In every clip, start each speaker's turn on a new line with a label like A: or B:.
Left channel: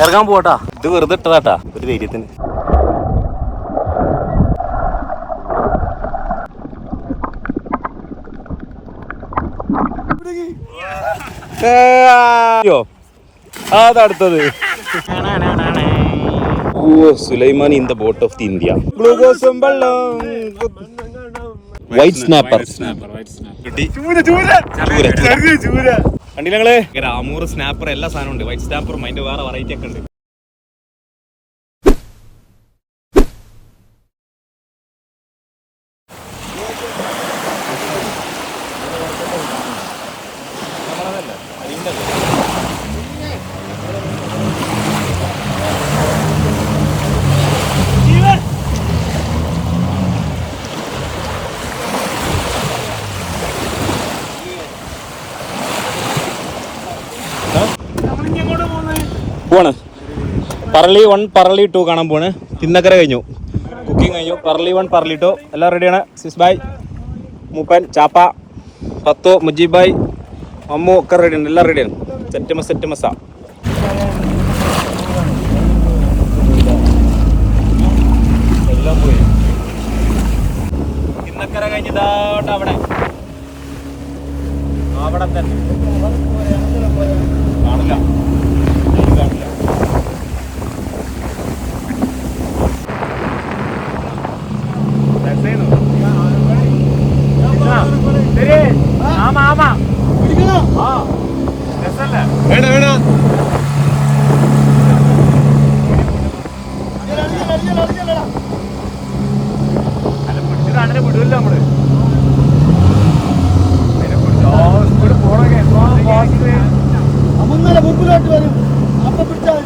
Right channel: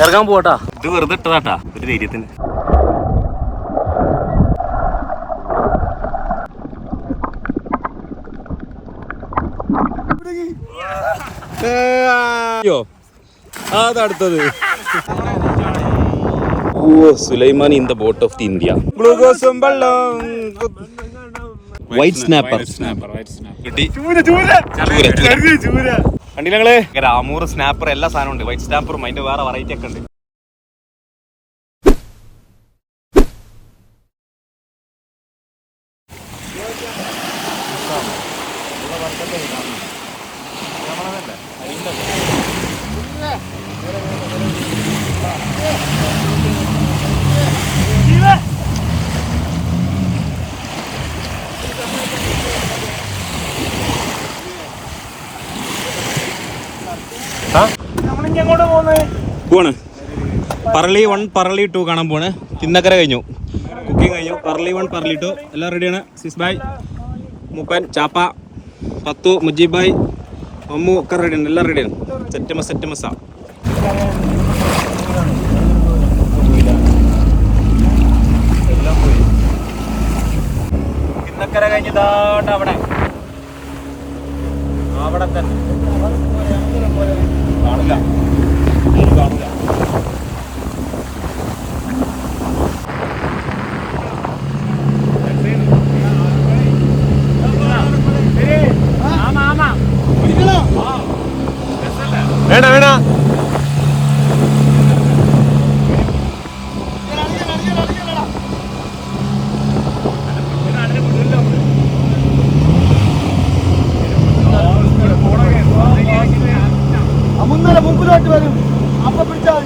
A: ഇറങ്ങാൻ പോട്ടാ ഇത് വെറുതെ ഇട്ടതാട്ടാ ഒരു ധൈര്യത്തിന്. അയ്യോ അതടുത്തത് ഓ Sulaiman in the boat of the India. ഗ്ലൂക്കോസും വെള്ളം വൈറ്റ് സ്നാപ്പർ കണ്ടില്ല ഞങ്ങൾ രാമൂർ സ്നാപ്പർ എല്ലാ സാധനവും ഉണ്ട്. വൈറ്റ് സ്നാപ്പറും അതിന്റെ വേറെ വെറൈറ്റി ഒക്കെ ഉണ്ട്. പോണ് പറളി വൺ പറളി ടു കാണാൻ പോണ് തിന്നക്കര കഴിഞ്ഞു. കുക്കിംഗ് കഴിഞ്ഞു. Parali one Parali two. എല്ലാം റെഡിയാണ്. സിസ് ബായ് മൂപ്പൻ ചാപ്പ പത്തു മുജീബ് ബായ് മമ്മു ഒക്കെ റെഡിയാണ്. എല്ലാം റെഡിയാണ്. സെറ്റ് മസ് സെറ്റ് മസാ തിന്നക്കര കഴിഞ്ഞതാട്ട് അവിടെ വേണ വേണ
B: മുന്നല്ല മുമ്പിലോട്ട് വരും അപ്പൊ പിടിച്ചാൽ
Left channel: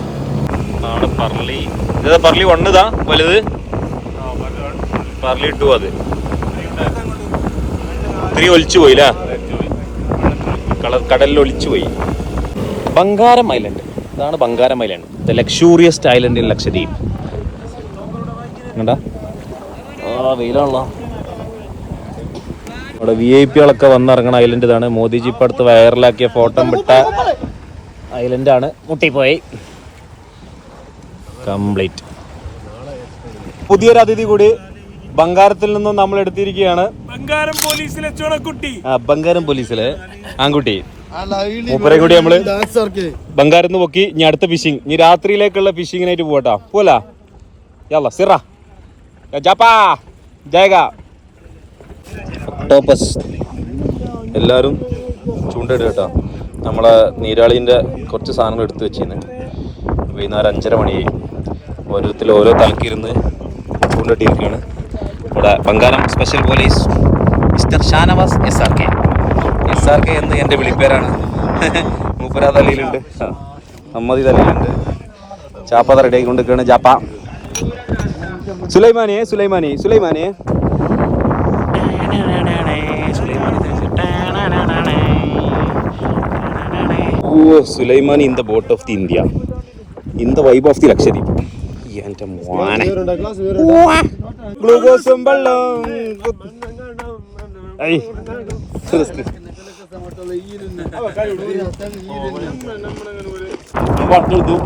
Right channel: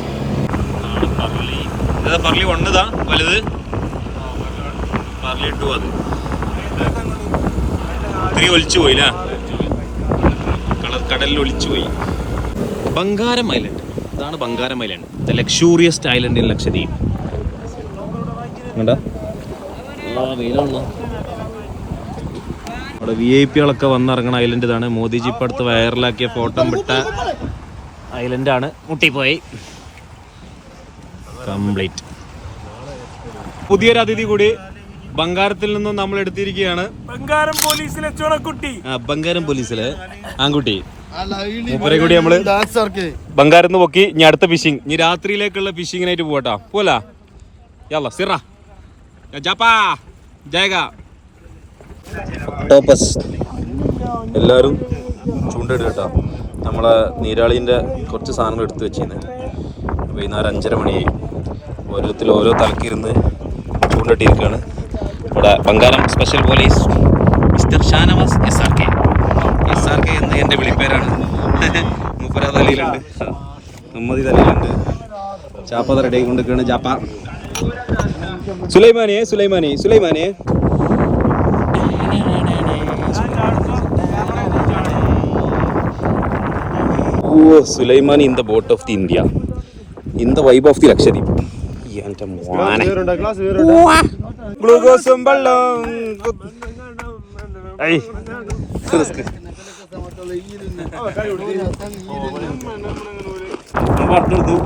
A: ആണ് പറളി ഇത് വണ് ഇതാ വലുത്. പർലി ടു അത്. ത്രീ ഒലിച്ചു പോയി കളർ കടലിൽ ഒലിച്ചു പോയി. ബംഗാരം ഐലൻഡ് ഇതാണ് Bangaram island the luxuriest island in Lakshadweep കണ്ടാ? വെയിലാണല്ലോ. അവിടെ വി ഐ പികളൊക്കെ വന്നിറങ്ങണ ഐലൻഡ് ഇതാണ്. മോദിജി ഇപ്പം അടുത്ത് വൈറലാക്കിയ ഫോട്ടോ വിട്ട ഐലൻഡാണ് മുട്ടിപ്പോയി. കംപ്ലീറ്റ് പുതിയൊരു അതിഥി കൂടി ബംഗാരത്തിൽ നിന്നും നമ്മൾ എടുത്തിരിക്കുകയാണ്.
C: ബംഗാരം പോലീസിലെ ചുണക്കുട്ടി.
A: ആ ബംഗാരം പോലീസിലെ ആൺകുട്ടി. മൂപ്പരെ കൂടി
B: നമ്മൾ
A: ബംഗാരം പൊക്കി ഇനി അടുത്ത ഫിഷിംഗ് ഇനി രാത്രിയിലേക്കുള്ള ഫിഷിങ്ങിനായിട്ട് പോകട്ടാ പോലാ യല്ല സിറ. ജാപ്പാ. ജയക ഒക്ടോപ്പസ് എല്ലാവരും ചൂണ്ടയിടുക കേട്ടോ നമ്മളെ നീരാളീന്റെ കുറച്ച് സാധനങ്ങൾ എടുത്തു വെച്ചിരുന്നു. വൈകുന്നേരം അഞ്ചര മണിയായി. ഓരോരുത്തർ ഓരോ തലക്കിരുന്ന് ചൂണ്ടിട്ടിരിക്കുകയാണ് ഇവിടെ Bangalam special police mister Shanavas S R K. S R K എന്ന് എന്റെ വിളിപ്പേരാണ്. മൂപ്പര തലയിലുണ്ട് അമ്മതി തലയിലുണ്ട് ചാപ്പ റെഡി ആയിക്കൊണ്ടിരിക്കുകയാണ് ചാപ്പ. സുലൈമാനെ സുലൈമാനെ സുലൈമാനെ. ഓ Sulaiman in the boat of the India. In the vibe of the Lakshadweep. എന്റെ മോനെ ഗ്ലൂക്കോസും വെള്ളം ഐ. റിസ്ക് പറഞ്ഞെടുത്തു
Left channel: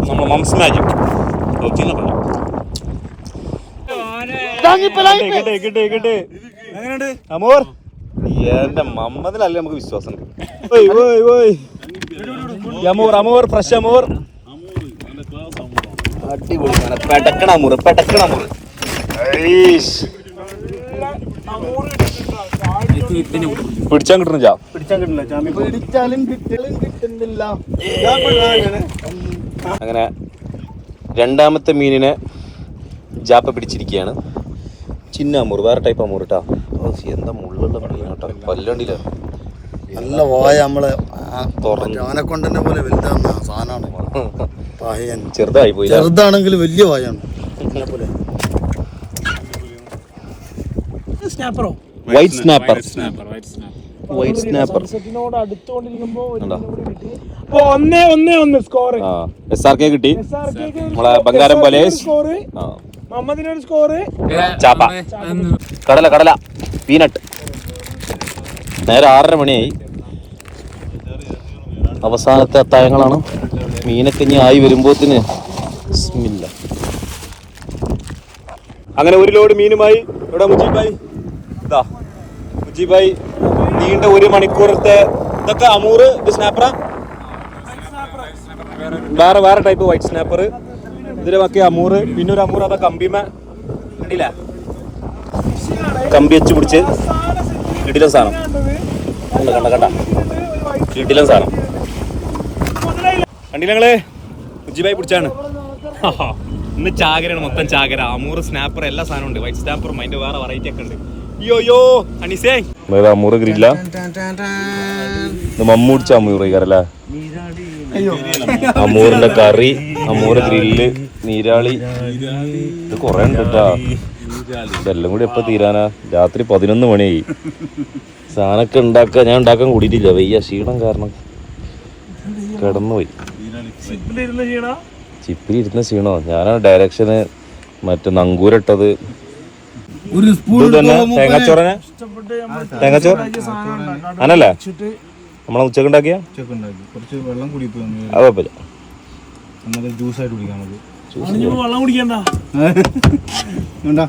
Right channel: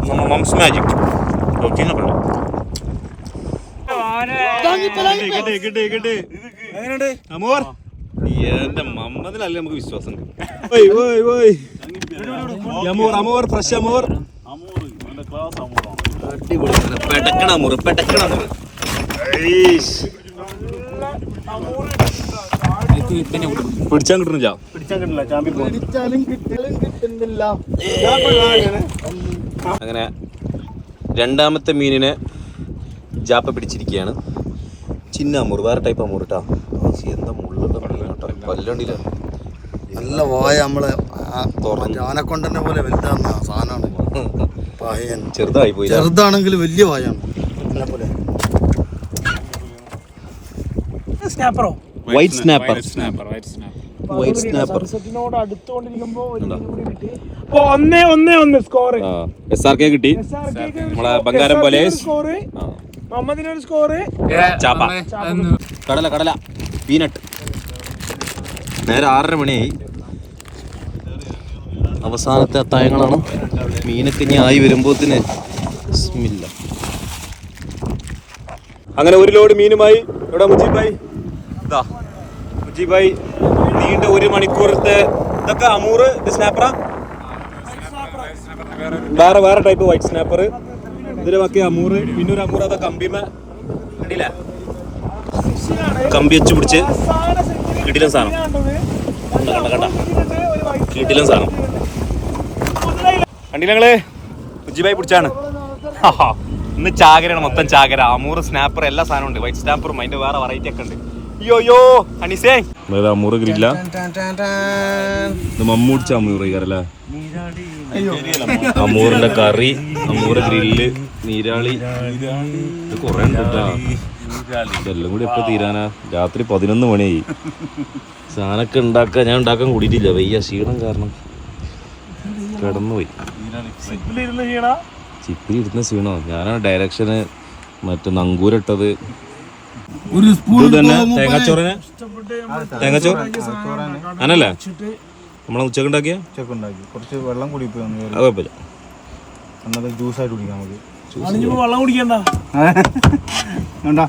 A: നമ്മുടെ മംസ് മാജിക് അമോർ. എന്റെ മമ്മതിലല്ലേ നമുക്ക് വിശ്വാസം അമൂർ അമൂർ ഫ്രഷ് അമൂർ. അടിപൊളി സാധനം. പെടക്കണ മുറി പെടക്കണ ഐഷ്. പിടിച്ചാൻ
B: കിട്ടുന്നില്ല.
A: അങ്ങനെ രണ്ടാമത്തെ മീനിനെ ജാപ്പ പിടിച്ചിരിക്കുകയാണ്. ചിന്ന അമൂർ വേറെ ടൈപ്പ് അമൂർ കേട്ടോ എന്താ മുള്ളുള്ള മീൻ കേട്ടോ കൊല്ലണ്ടില്ല
B: നല്ല വായ നമ്മളെ പോലെ വലുതാന്ന സാധനമാണ്.
A: ചെറുതായി പോയി
B: ചെറുതാണെങ്കിൽ വലിയ വായാണ് പോലെ.
C: സ്നാപ്പറോ
A: white snapper
C: white snapper
A: white snapper
C: സൺസെറ്റിനോട് അടുത്തുകൊണ്ടിരിക്കുമ്പോ ഒരു മീനെ കൂടി കിട്ടി. അപ്പൊ ഒന്നേ ഒന്നേ ഒന്ന് സ്കോർ
A: എസ് ആർ കെ കിട്ടി. നമ്മളെ ബംഗാരം പോലെ.
C: സ്കോർ സ്കോർ
A: ചാപ്പ. കടല കടല. പീനട്ട് നേരെ ആറര മണിയായി. അവസാനത്തെ അത്തായങ്ങളാണ്. മീനൊക്കെ ഇനി ആയി വരുമ്പോത്തിന് അങ്ങനെ ഒരു ലോഡ് മീനുമായി ഇവിടെ മുജീബായി? ഇതാ. മുജീബായി നീണ്ട ഒരു മണിക്കൂറത്തെ ഇതൊക്കെ അമൂറ് ഇത് സ്നാപ്പറാ വേറെ വേറെ ടൈപ്പ് വൈറ്റ് സ്നാപ്പർ ഇതിന്റെ ബാക്കി അമൂറ് പിന്നെ ഒരു അമൂറ് അതാ കമ്പിമ. കണ്ടില്ല? കമ്പി വെച്ച് പിടിച്ച് കിടിലൻ സാധനം. കണ്ട കണ്ട കണ്ട. കിടിലൻ സാധനം. കണ്ടില്ല മുജീബായി പിടിച്ചാണ്. ഇന്ന് ചാകരയാണ് മൊത്തം ചാകര. അമൂറ് സ്നാപ്പർ എല്ലാ സാധനവും ഉണ്ട്. വൈറ്റ് സ്നാപ്പറും അതിന്റെ വേറെ വെറൈറ്റി ഒക്കെ ഉണ്ട്. അമ്മൂറിന്റെ യോ അനീസേ അമൂറ് ഗ്രില്ല. മമ്മൂടിച്ച അമൂറ് കയറല്ലേ അമൂറിന്റെ കറി അമൂറ് ഗ്രില്ല് നീരാളി. ഇത് കൊറേ ഉണ്ട് കേട്ടാ ഇതെല്ലാം കൂടി എപ്പോ തീരാനാ? രാത്രി പതിനൊന്ന് മണിയായി. സാധനമൊക്കെ ഉണ്ടാക്കാൻ ഞാൻ ഉണ്ടാക്കാൻ കൂടിയിട്ടില്ല. വയ്യ ക്ഷീണം കാരണം. കിടന്നുപോയി. ചിപ്പിൽ ഇരുന്ന ക്ഷീണോ ഞാനാണ് ഡയറക്ഷന് മറ്റേ നങ്കൂരിട്ടത്
B: ഒരു സ്പൂൺ
A: തേങ്ങാച്ചോറനെ? തേങ്ങാച്ചോറ്? അങ്ങനല്ലേ നമ്മളെ ഉച്ചയ്ക്ക് ഉണ്ടാക്കിയ
D: ഉണ്ടാക്കി. കുറച്ച് വെള്ളം കൂടി പോയി വന്നു
A: അത് കുഴപ്പമില്ല.
D: ജ്യൂസ് ആയിട്ട് കുടിക്കാം നമുക്ക്.
C: വെള്ളം കുടിക്കണ്ട.
D: വേണ്ട.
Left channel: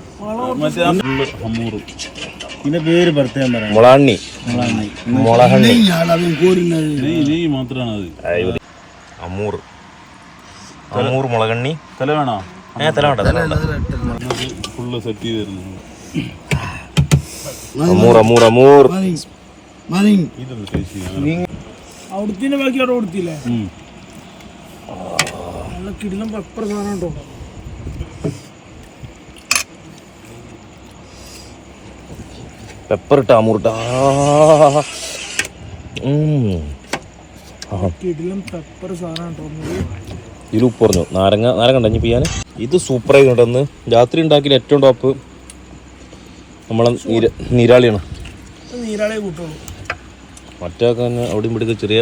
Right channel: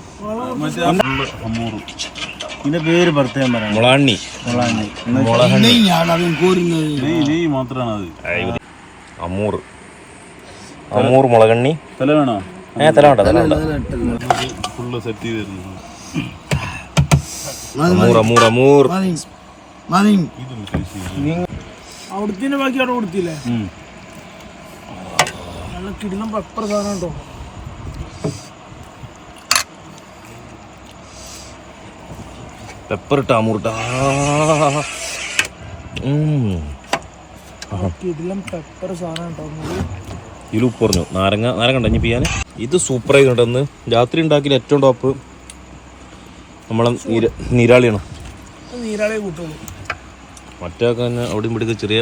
D: ഇതിന്റെ പേര് പ്രത്യേകം പറയാം.
A: മുളാണ്ണി മുളഹണ്ണി
D: മാത്രമാണ് അത്
A: അമൂർ. അമൂർ മുളകണ്ണി.
D: തല വേണോ?
A: ഏ തല വേണ്ട തല വേണ്ട.
D: ഫുള്ള് സെറ്റ് ചെയ്ത്
A: അമൂർ അമൂർ
C: അവിടുത്തെ ബാക്കി അവിടെ കൊടുത്തില്ലേ? നല്ല കിടിലം പെപ്പർ സാധനം ഉണ്ടോ?
A: പെപ്പർ ഇട്ട അമൂർ ഇട്ട.
C: കിടിലം പെപ്പർ സാധനം ഉണ്ടോ
A: ഇതിൽ ഉപ്പ് പറഞ്ഞു നാരങ്ങ നാരങ്ങ ഉണ്ടോ ഇനി പിയാൻ ഇത് സൂപ്പർ ആയിട്ടുണ്ടെന്ന് രാത്രി ഉണ്ടാക്കിയ ഏറ്റവും ടോപ്പ് നമ്മളെ നീര നീരാളിയാണ്.
C: മറ്റേ കൂട്ടുള്ളൂ
A: തന്നെ അവിടെ ഇവിടെ ചെറിയ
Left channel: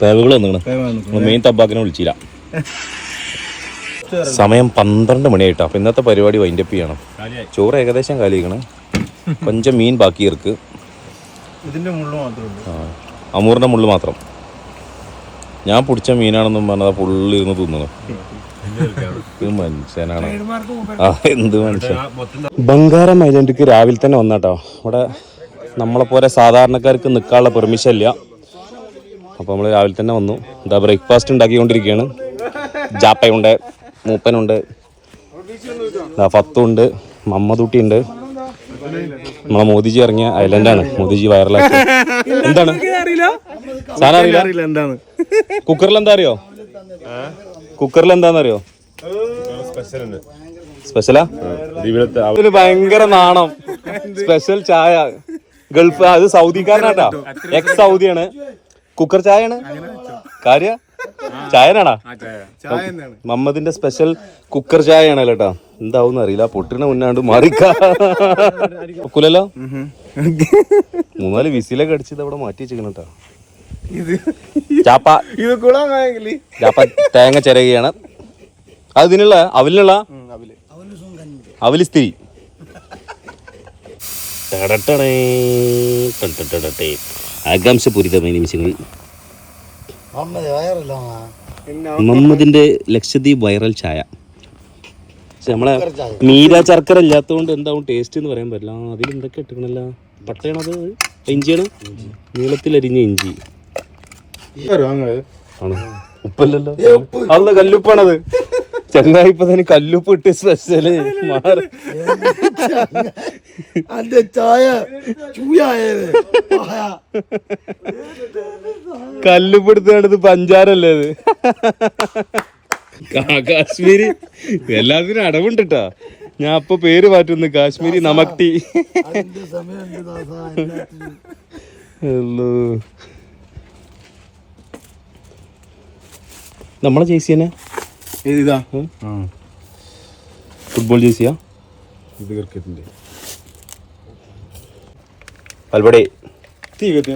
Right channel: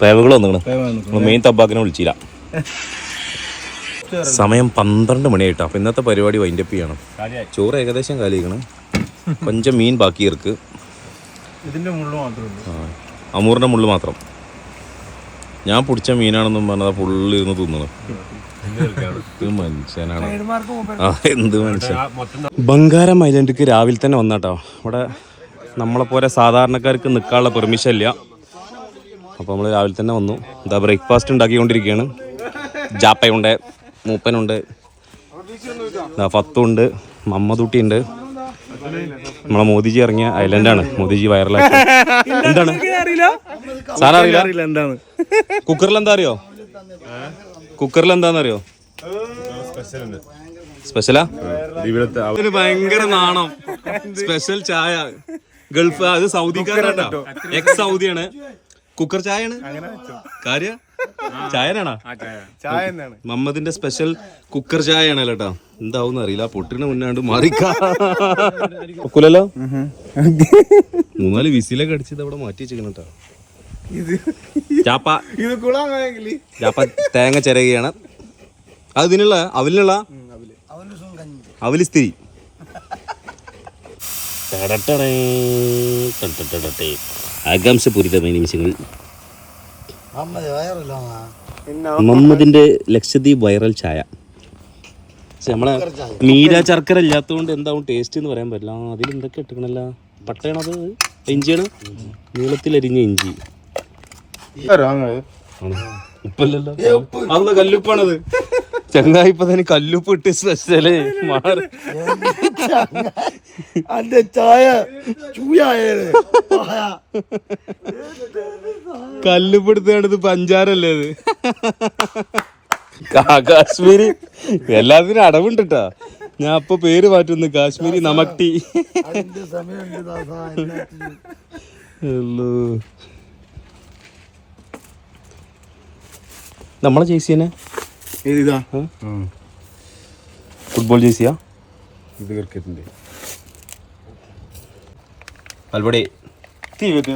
A: പേവകൾ വന്നിങ്ങനെ മെയിൻ തബാക്കിനെ വിളിച്ചില്ല. സമയം പന്ത്രണ്ട് മണിയായിട്ടോ അപ്പൊ ഇന്നത്തെ പരിപാടി വൈൻഡപ്പ് ചെയ്യണം. ചോറ് ഏകദേശം കാലിക്കണം കൊഞ്ചം മീൻ ബാക്കി
D: ഇതിന്റെ മുള്ളു മാത്രമേ
A: അമൂറിന്റെ മുള്ളു മാത്രം. ഞാൻ പിടിച്ച മീനാണെന്നും പറഞ്ഞത് പുള്ളി ഇരുന്ന് തിന്നണം. മനുഷ്യനാണ്. ആ എന്ത് മനുഷ്യൻ. ബംഗാരം ഐലൻഡിക്ക് രാവിലെ തന്നെ വന്നാട്ടോ. ഇവിടെ നമ്മളെ പോലെ സാധാരണക്കാർക്ക് നിൽക്കാനുള്ള പെർമിഷൻ ഇല്ല. അപ്പോൾ നമ്മൾ രാവിലെ തന്നെ വന്നു. എന്താ ബ്രേക്ക്ഫാസ്റ്റ് ഉണ്ടാക്കിക്കൊണ്ടിരിക്കുകയാണ്. ജാപ്പയുണ്ട് മൂപ്പനുണ്ട്. ദാ ഫത്തുണ്ട് മമ്മദൂട്ടി ഉണ്ട് നമ്മളെ മോദിജി ഇറങ്ങിയ ഐലൻഡാണ് മോദിജി വൈറലാക്കി എന്താണ്?
C: അറിയില്ല?
A: സാധനം അറിയില്ല?
D: എന്താണ്?
A: കുക്കറിൽ എന്താ അറിയോ കുക്കറിൽ എന്താണെന്നറിയോ സ്പെഷ്യലാ ഇതിന് ഭയങ്കര നാണം. സ്പെഷ്യൽ ചായ. ഗൾഫ് അത് സൗദിക്കാരനാട്ടാ. എക്സ് സൗദിയാണ് കുക്കർ ചായയാണ്? കാര്യ? ചായനാണാ? മമ്മദിന്റെ സ്പെഷ്യൽ കുക്കർ ചായയാണല്ലോ കേട്ടാ എന്താവും അറിയില്ല. പൊട്ടിന് മുന്നാണ്ട് മാറിക്കൂലല്ലോ മൂന്നാൽ വിസിലൊക്കെ അടിച്ചത് അവിടെ മാറ്റി വെച്ചിരിക്കണം കേട്ടോ. ചാപ്പ.
D: ഇത് കുളമായെങ്കിൽ
A: ചാപ്പ തേങ്ങ ചിരകയാണ്. അതിനുള്ള ഇതിനുള്ള അവലിനുള്ള? അവൽ. ടടടടേ, ആകാംക്ഷ പൂരിതമായ നിമിഷങ്ങൾ
B: വയറില്ല
A: മുഹമ്മദിന്റെ ലക്ഷദ്വീപ് വൈറൽ ചായ പക്ഷെ നമ്മളെ മീര ശർക്കര ഇല്ലാത്തതുകൊണ്ട് എന്താവും? ടേസ്റ്റ് എന്ന് പറയാൻ പറ്റില്ല. ആ, അതിൽ എന്തൊക്കെ ഇട്ടിക്കണല്ല? പട്ടയാണത് ഇഞ്ചിയാണ്? നീളത്തിലരിഞ്ഞ ഇഞ്ചി. ഉപ്പല്ലല്ലോ. അന്ന് കല്ലുപ്പാണത്. ചങ്ങായി ഇപ്പൊ തന്നെ കല്ലുപ്പ് ഇട്ട് സ്പെഷ്യൽ മാറി.
B: അന്റെ ചായ ചൂയായത്
A: കല്ലുപ്പ് എടുത്താണിത് പഞ്ചാരല്ലേ അത് കാശ്മീരി. എല്ലാത്തിനും അടവുണ്ട് ട്ടാ ഞാൻ അപ്പൊ പേര് മാറ്റുന്നു കാശ്മീരി നമക്ടി. നമ്മളെ ചേച്ചിയനെ
D: ഇതാ
A: ഫുട്ബോൾ ജേസിയാ
D: ഇത് ക്രിക്കറ്റിന്റെ
A: പൽപടി
D: തീ കത്തി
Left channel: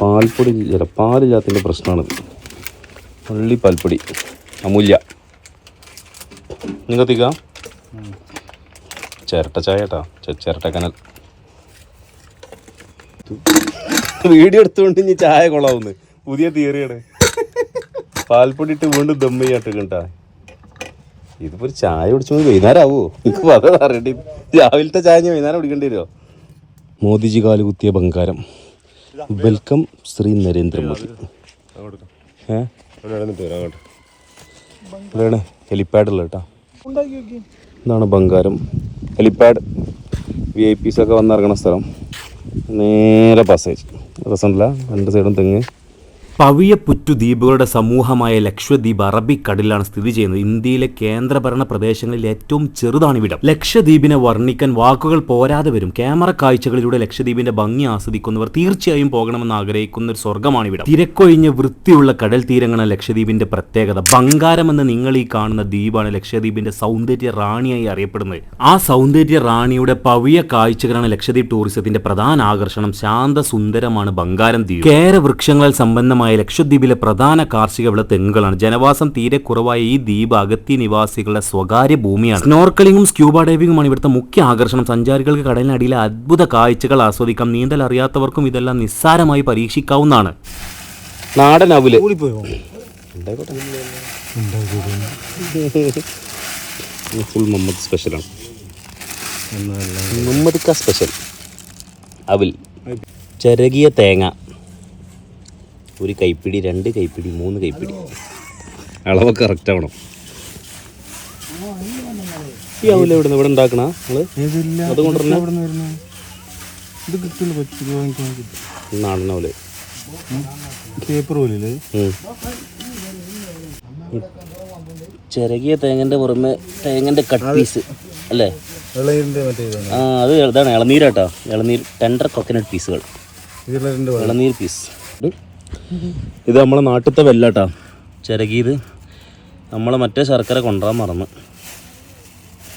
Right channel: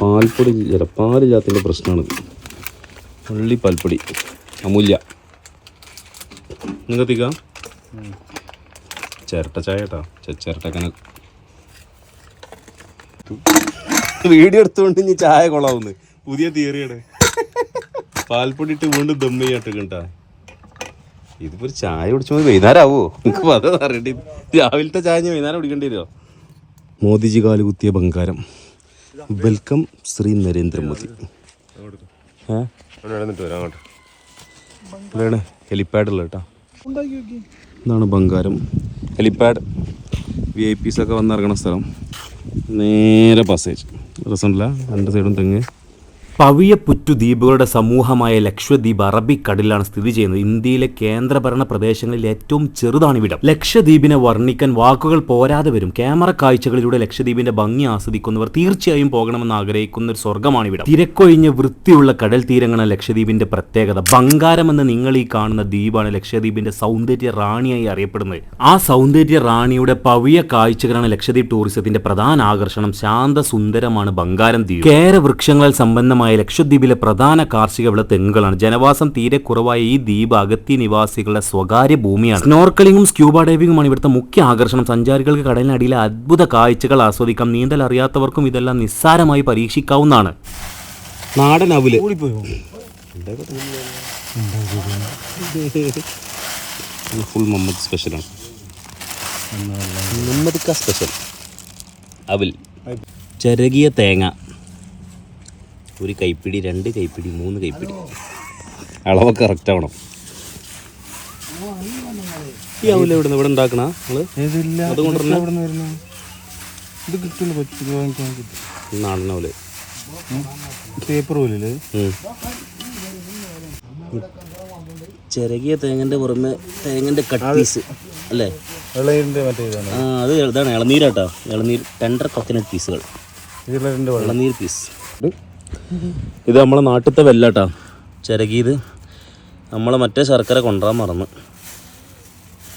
A: പാൽപ്പൊടി പാലില്ലാത്തതിന്റെ പ്രശ്നമാണ്. പള്ളി പാൽപ്പൊടി. അമൂല്യ. നിങ്ങൾക്ക് ചിരട്ട ചായ കേട്ടാ. ചിരട്ട കനൽ. വീഡിയോ എടുത്തുകൊണ്ട് ഇനി ചായ കൊള്ളാവുന്നു. പുതിയ തിയറിയാണ് പാൽപ്പൊടി ഇട്ട് വീണ്ടും ദം ചെയ്യാട്ട് കേട്ടാ ഇതിപ്പോ ഒരു ചായ കുടിച്ചു വൈകുന്നേരം ആവോ നിങ്ങൾക്ക് അതാ അറിയണ്ടി രാവിലത്തെ ചായ ഞാൻ വൈകുന്നേരം കുടിക്കേണ്ടി വരുമോ മോദിജി കാൽ കുത്തിയ ബംഗാരം. വെൽക്കം ശ്രീ നരേന്ദ്രമോദി. ഏ? ഇവിടെയാണ് ഹെലിപ്പാഡ് ഉള്ളത് കേട്ടോ. ഇതാണ് Bangaram. Helipad V I Ps ഒക്കെ വന്നിറങ്ങണ സ്ഥലം. നേരെ പാസേജ് രസമുണ്ടല്ല രണ്ട് സൈഡും തെങ്ങ്.
E: പവിയപ്പുറ്റു ദ്വീപുകളുടെ സമൂഹമായ ലക്ഷദ്വീപ് അറബിക്കടലിലാണ് സ്ഥിതി ചെയ്യുന്നത്. ഇന്ത്യയിലെ കേന്ദ്രഭരണ പ്രദേശങ്ങളിൽ ഏറ്റവും ചെറുതാണ് ഇവിടം. ലക്ഷദ്വീപിനെ വർണിക്കാൻ വാക്കുകൾ പോരാതെ വരും. ക്യാമറ കാഴ്ചകളിലൂടെ ലക്ഷദ്വീപിന്റെ ഭംഗി ആസ്വദിക്കുന്നവർ തീർച്ചയായും പോകണമെന്ന് ആഗ്രഹിക്കുന്ന ഒരു സ്വർഗമാണ് ഇവിടം. തിരക്കൊഴിഞ്ഞ് വൃത്തിയുള്ള കടൽ തീരങ്ങളാണ് ലക്ഷദ്വീപിന്റെ പ്രത്യേകത. ബംഗാരം എന്ന് നിങ്ങൾ ഈ കാണുന്ന ദ്വീപാണ് ലക്ഷദ്വീപിന്റെ സൗന്ദര്യ റാണിയായി അറിയപ്പെടുന്നത്. ആ സൗന്ദര്യ റാണിയുടെ പവിയ കാഴ്ചകളാണ് ലക്ഷദ്വീപ് ടൂറിസത്തിന്റെ പ്രധാന ആകർഷണം. ശാന്ത സുന്ദരമാണ് ബംഗാരം ദ്വീപ്. കേര വൃക്ഷങ്ങളാൽ സമ്പന്നമായ ലക്ഷദ്വീപിലെ പ്രധാന കാർഷിക വിള തെങ്ങുകളാണ്. ജനവാസം തീരെ കുറവായ ഈ ദ്വീപ് അഗത്തി നിവാസികളുടെ സ്വകാര്യ ഭൂമിയാണ്. സ്നോർക്കലിംഗും സ്ക്യൂബ ഡൈവിംഗുമാണ് ഇവിടുത്തെ മുഖ്യ ആകർഷണം. സഞ്ചാരികൾക്ക് കടലിനടിയിലെ അത്ഭുത കാഴ്ചകൾ ആസ്വദിക്കാം. നീന്തൽ അറിയാത്തവർക്കും ഇതെല്ലാം നിസ്സാരമായി പരീക്ഷിക്കാവുന്നതാണ്. നാടൻ അവിൽ ഫുൾ മമ്മദ് സ്പെഷ്യലാണ്. സ്പെഷ്യൽ. അവൽ. ചിരകിയ തേങ്ങ. ഒരു കൈപ്പിടി രണ്ട് കൈപ്പിടി മൂന്ന് കൈപ്പിടി. അളവ് കറക്റ്റ് ആവണം. ഈ അവിൽ എവിടെ ഇവിടെ ഉണ്ടാക്കണ?
D: അതുകൊണ്ട്
A: നാടൻ അവൽ
D: പേപ്പർ പോലെ.
A: ചിരകിയ തേങ്ങന്റെ പുറമെ തേങ്ങന്റെ കട്ട് പീസ് അല്ലേ? ആ അത് ഇതാണ് ഇളനീരാട്ടോ. ഇളനീർ ടെൻഡർ കൊക്കനട്ട് പീസുകൾ ഇളനീർ പീസ് ഇത് നമ്മളെ നാട്ടിലത്തെ വെല്ലാട്ടാ. ചിരകിയത് നമ്മളെ മറ്റേ ശർക്കര കൊണ്ടുവരാൻ മറന്ന്.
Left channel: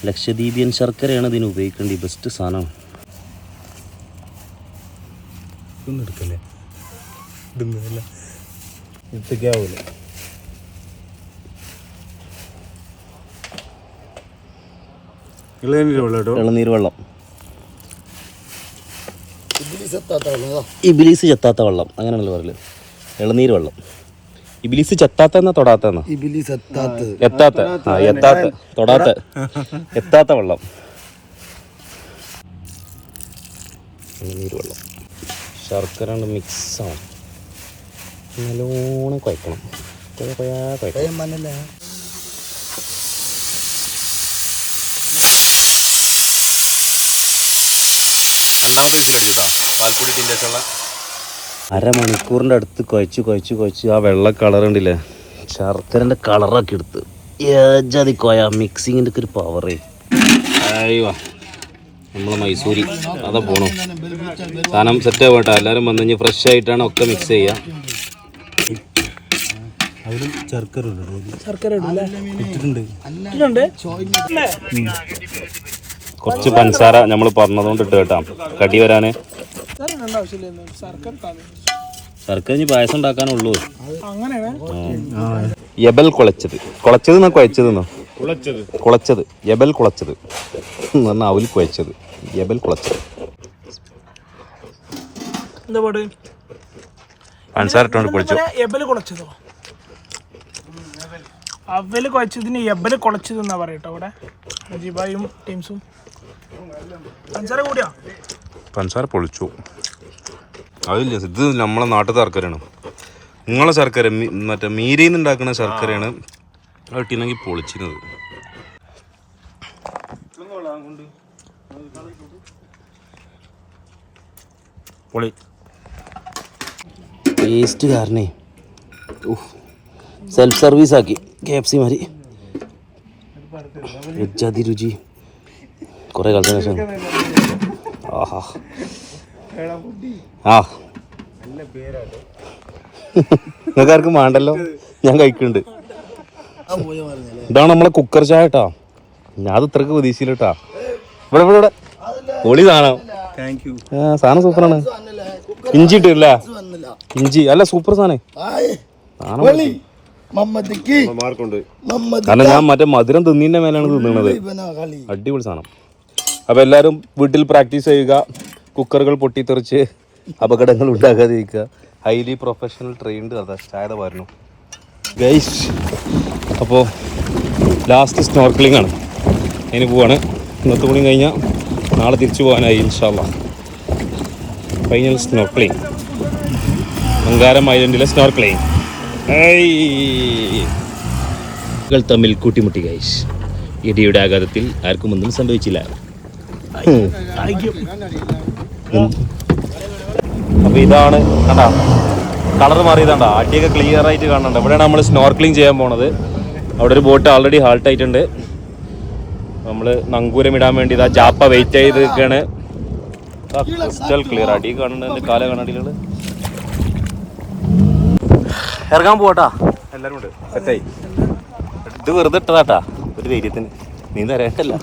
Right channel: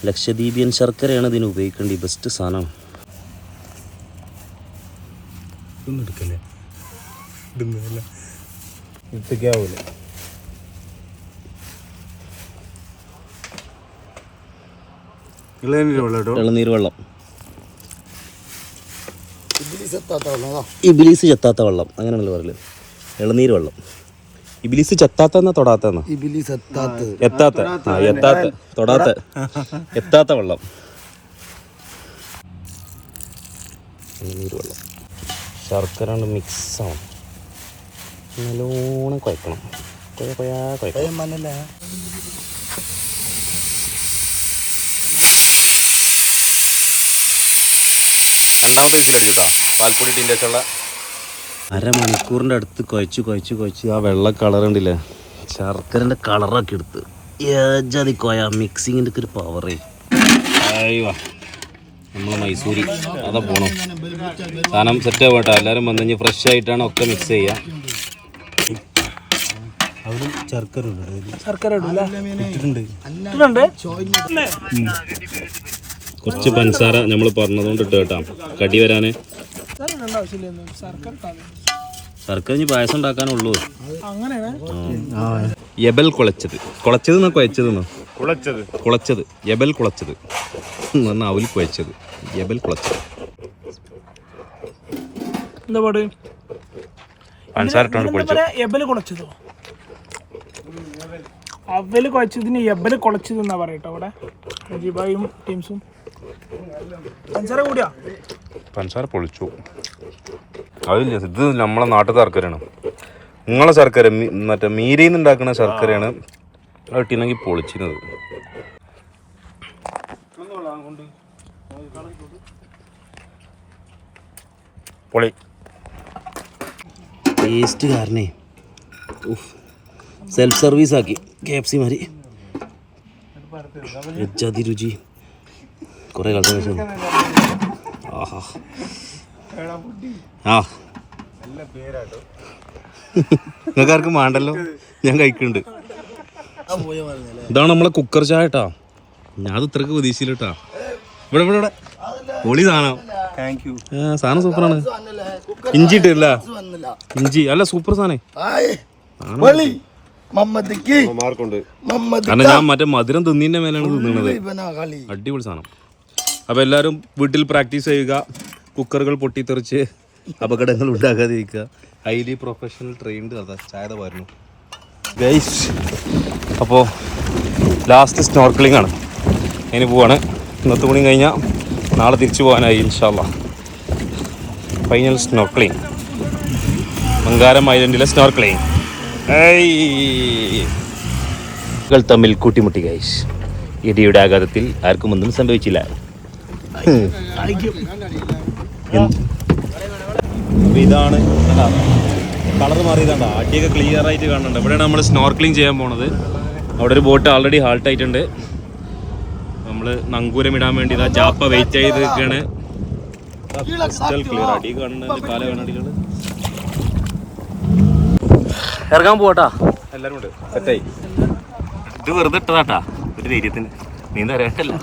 A: ലക്ഷദ്വീപിയൻ ശർക്കരയാണ് ഇതിന് ഉപയോഗിക്കേണ്ടത് ബെസ്റ്റ് സാധനമാണ്.
D: ഇതൊന്നും എടുക്കല്ലേ? ഇളനീര് വെള്ളം കേട്ടോ
A: വെള്ളം. ഇബിലീസ് ചെത്താത്ത വെള്ളം. അങ്ങനെയാണല്ലോ പറയൽ. ഇളനീർ വെള്ളം ഇബിലിസ് ചെത്താത്ത എന്നാ തൊടാത്ത
B: എത്താത്ത.
A: എത്താത്ത. ആ എത്താത്ത. തൊടാത്ത. എത്താത്ത വെള്ളം. ഇളനീർ വെള്ളം ശർക്കര മിക്സ് ആവണം നല്ലോണം കുഴക്കണം കുഴ കുഴാ കുഴക്കണം
B: രണ്ടാമത്തെ
A: രണ്ടാമത്തെ വിസിലടിച്ചുട്ടാ പാൽപ്പൊടി ടീന്റെ അരമണിക്കൂറിന്റെ അടുത്ത് കുഴച്ച് കുഴച്ച് കുഴച്ച് ആ വെള്ള കളർ ഉണ്ടില്ലേ ശർക്കരന്റെ കളറൊക്കെ എടുത്ത്. ഏജാതി കോയ മിക്സിങ്ങിന്റെ ഒക്കെ ഒരു പവറേ അയ്യോ നമ്മളെ മൈസൂരി. അതാ പോണം. സാധനം സെറ്റ് ആവട്ടെ എല്ലാവരും വന്നു കഴിഞ്ഞാൽ ഫ്രഷ് ആയിട്ടാണ് ഒക്കെ മിക്സ് ചെയ്യുക
D: അവരും ശർക്കര
C: ശർക്കര
A: കുറച്ച് പഞ്ചസാര നമ്മൾ പറഞ്ഞതുകൊണ്ട് ഇട്ട് കേട്ടാ. കടി വരാന്.
C: ശർക്കര
A: ഇനി പായസം ഉണ്ടാക്കാനുള്ളൂ.
C: എബൽ
A: യബൽ കുളച്ചത്. കുളച്ചത് എന്നാ കുഴച്ചത് എന്നോ?
D: കുളച്ചത്.
A: കുളച്ചത്. യബൽ കുളച്ചത്. എന്നാ അവൽ കുഴച്ചത്. യബൽ കുളച്ചത്.
C: എന്താ പാട്?
A: പഞ്ചസാര ഇട്ടുകൊണ്ട് പൊളിച്ചു
C: ഇതിനെ കുളച്ചതോ? അവൽ കുഴച്ചതിന് എബൽ കുളച്ചത് എന്നാ പറയട്ടോ അവിടെ. അജിബായും ടീംസും. പഞ്ചാര കൂടിയാ?
A: പഞ്ചസാര പൊളിച്ചു. അതില്ല ഇത് നമ്മളെ നാട്ടിൽ ശർക്കരയാണ്. നിങ്ങളെ ശർക്കര മറ്റേ മീരയിൽ നിന്ന് ഉണ്ടാക്കുന്ന ശർക്കരയാണ് ഇട്ടിനെങ്കിൽ പൊളിച്ചിരുന്നത്. പൊളി. ടേസ്റ്റ് കാരണേ സെൽഫ് സർവീസ് ആക്കി. കെ എഫ് സി മാതിരി. രുചി. കുറേ കാലത്തിന് ശേഷം. ആഹാ. ആ. നിങ്ങൾക്ക് ആർക്കും വേണ്ടല്ലോ? ഞാൻ കഴിക്കുന്നുണ്ട്. ഇതാണ് നമ്മളെ കുക്കർ ചായ കേട്ടാ ഞാൻ അത് ഇത്രക്ക് പ്രതീക്ഷയില്ല കേട്ടാ ഇവിടെ ഇവിടെ ഇവിടെ. പൊളി സാധനം. സാധനം സൂപ്പറാണ്. ഇഞ്ചി ഇട്ടില്ല ഇഞ്ചി. അല്ല സൂപ്പർ സാധനം. കാരണം ഞാൻ മറ്റേ മധുരം തിന്നിന്റെ മേലാണ് തിന്നണത്. അടിപൊളി സാധനം. അപ്പോൾ എല്ലാവരും വീട്ടിൽ പ്രാക്ടീസ് ചെയ്യുക കുക്കറുകൾ പൊട്ടിത്തെറിച്ച് അപകടങ്ങൾ ഉണ്ടാകാതിരിക്കുക. ഹൈലി പ്രൊഫഷണൽ ട്രെയിൻഡ് അതാ ചായത പറഞ്ഞു ഗൈസ് അപ്പോൾ ലാസ്റ്റ് സ്നോർക്കിളിംഗ് ആണ്. അതിന് പോവാണ്. ഇന്നത്തെ പണി കഴിഞ്ഞാൽ നാളെ തിരിച്ചു പോകാനായി ഇൻഷാല്ല ഫൈനൽ സ്നോർക്കിളിംഗ് മങ്കാരം ഐലൻഡിലെ സ്നോർക്കിളിംഗ് കൾ തമ്മിൽ കൂട്ടിമുട്ടി ഗൈസ് ഇടിയുടെ ആഘാതത്തിൽ ആർക്കും ഒന്നും സംഭവിച്ചില്ല. അപ്പോൾ ഇതാണ് കണ്ടാ? കളർ മാറിയതാണ്ടാ. ആട്ടിയൊക്കെ ക്ലിയർ ആയിട്ട് കാണുന്നുണ്ട് ഇവിടെയാണ് നമ്മൾ സ്നോർക്ലിംഗ് ചെയ്യാൻ പോണത്. അവിടെ ഒരു ബോട്ട് ആൾറെഡി ഹാൾട്ട് ആയിട്ടുണ്ട്. നമ്മൾ നങ്കൂരം ഇടാൻ വേണ്ടി ഇതാ ജാപ്പ വെയിറ്റ് ചെയ്ത് നിൽക്കുകയാണ് ക്രിസ്റ്റൽ ക്ലിയർ അടി കാണുന്നുണ്ട്. കാല കണ്ണടികൾ ഇറങ്ങാൻ പോവാട്ടാ. എല്ലാരും ഉണ്ട്. സെറ്റായി. ഇത് വെറുതെ ഇട്ടതാട്ടാ. ഒരു ധൈര്യത്തിന്. അറിയാട്ടല്ല